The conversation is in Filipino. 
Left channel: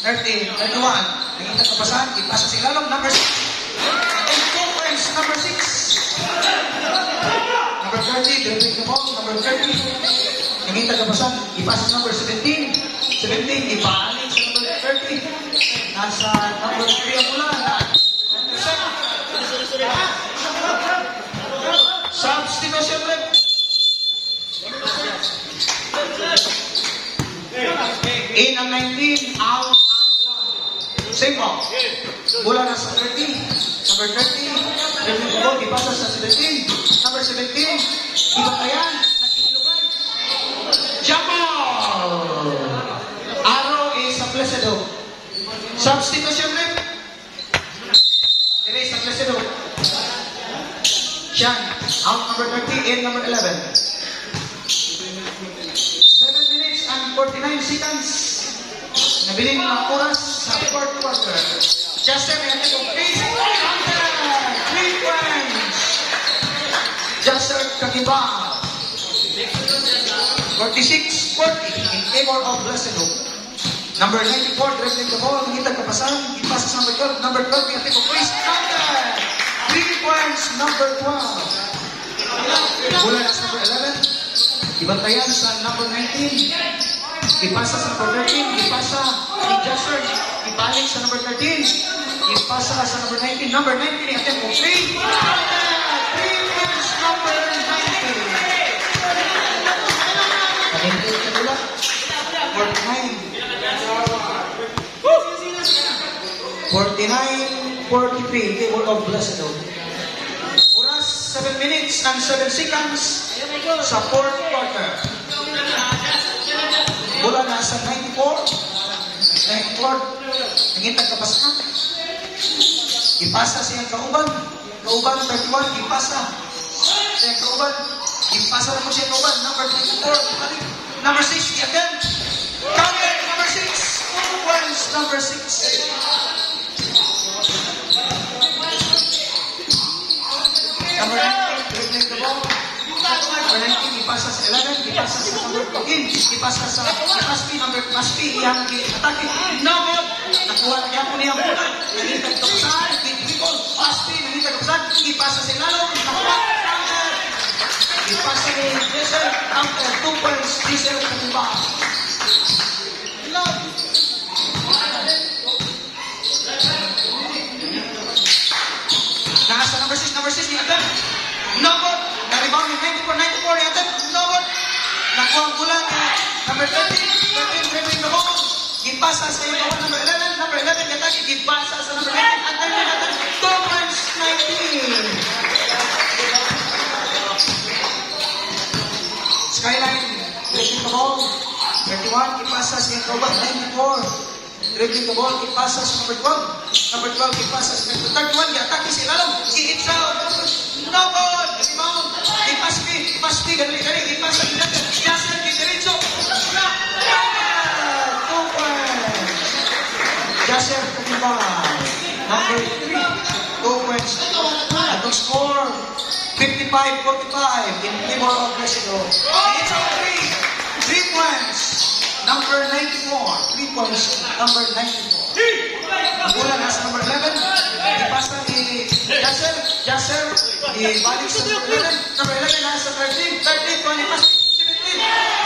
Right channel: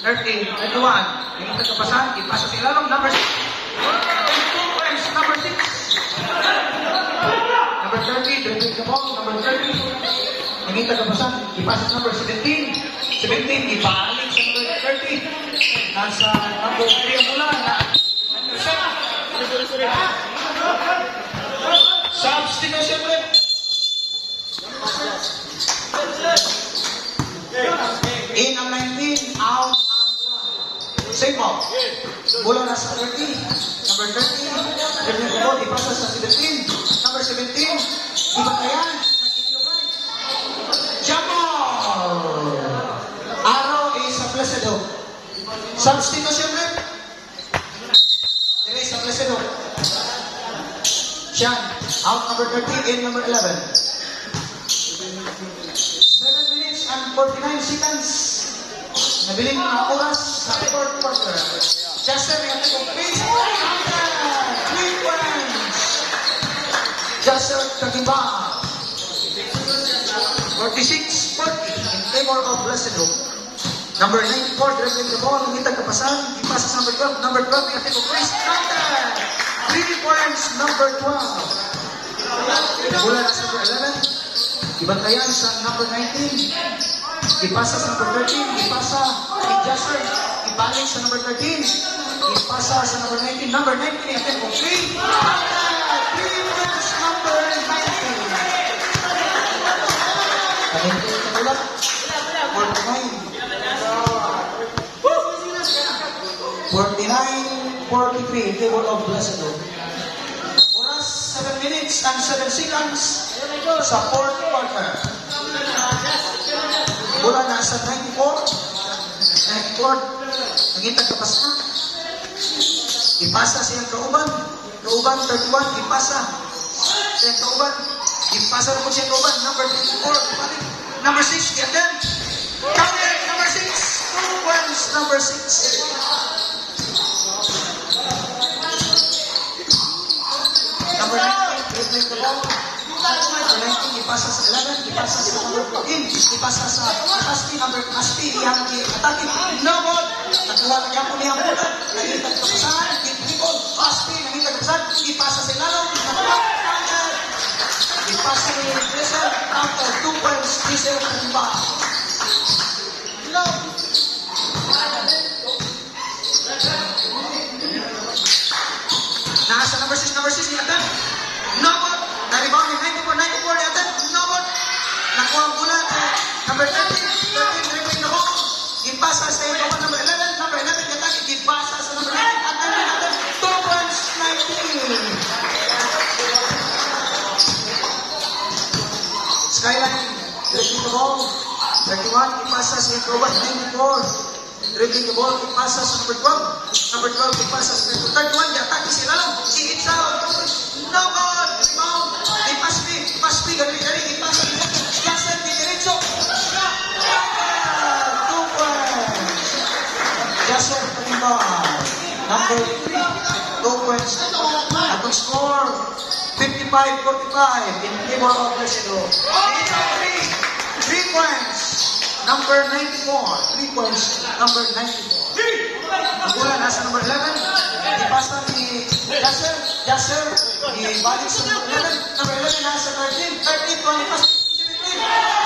30, 31. Naging tagpapasan, ipasa sa ilalong, number 6. And 2 points, number 6. Number 30, dribbling the ball, number 30. Naging tagpapasan, ipasa sa number 17. 17, ibalik sa number 30. Nasa number 3 ang mula na substitution rep. In ang 19, out ang 1. Same ball. Mula na sa 30. Number 30. Dribbling the ball, ipasa sa 17. Number 17. Ibatayan. Nagkilugay. Jump ball. Arrow is a Placido. Substitution rep. Erase a Placido. Sian. Out number 30 in number 11. 7 minutes and 49 seconds. Nabiling mga oras sa 4th quarter. Justin and please. 3 points. Justin Kakimba. 46-40 in favor of Placido. Number 94, dribbling the ball. Ngitag kapasan. Ipasa sa number 12. Number 12, yung tipo Chris Counter. 3 points, number 12. Mula sa number 11. Ibantayan sa number 19. Ipasa sa number 13. Ipasa ni Justin. Ibalik sa number 13. Ipasa sa number 19. Number 19, yung tipo 3. 3 points, number 19. Kanintin ka nila. 49. 49-43 in favor of Placido. Oras 7 minutes and 7 seconds sa 4th quarter. Mula na sa 94. Nangintag kapas na. Ipasa siyang kauban. Kauban 31. Ipasa siyang kauban. Ipasa na po siyang kauban. Number 24. Number 6. Again. Counter. Number 6. 2 points. Number 6. Number 19, dribbling the ball. Number 19, ipasa sa 11, ipasa sa number 14, ipasa sa Aspi, number Aspi, iyang atake. No ball. Nakuha na niya po niyang bola. Nangintag kapasan, people. Aspi, nangintag kapasan, ipasa sa ilalong. Nakuha, counter. Ipasa ni Diesel, counter, 2 points, Diesel, Kakimba. No. Nasa number 6 ni Adam. Number, na-rebound ni 94 ni Adam. Number, nakuha ang bola ni number 13 dribbling the ball. Ipasa sa ikawan number 11. Number 11 kataki, ipasa sa number 19. At 19 Adam, 2 points, 19. Skyline, dribbling the ball. 31, ipasa sa ikawan 94. Dribbling the ball, ipasa sa number 12. Number 12, ipasa sa number 31. Atake si Lalam. Si Itza. No ball. Rebound. Ipaspi. Galing. Ipasa ni Jason Digerenzo. Stop. 2 points. Jason Kakimba. Number 3. 2 points. Atong score. 55-45 in favor of Placido. Itza 3 points. Number 94, 3 points, number 94. Mula nasa number 11, ipasa ni Yasser, ibalik sa number 11, number 11 nasa 13, 13, 20, 17.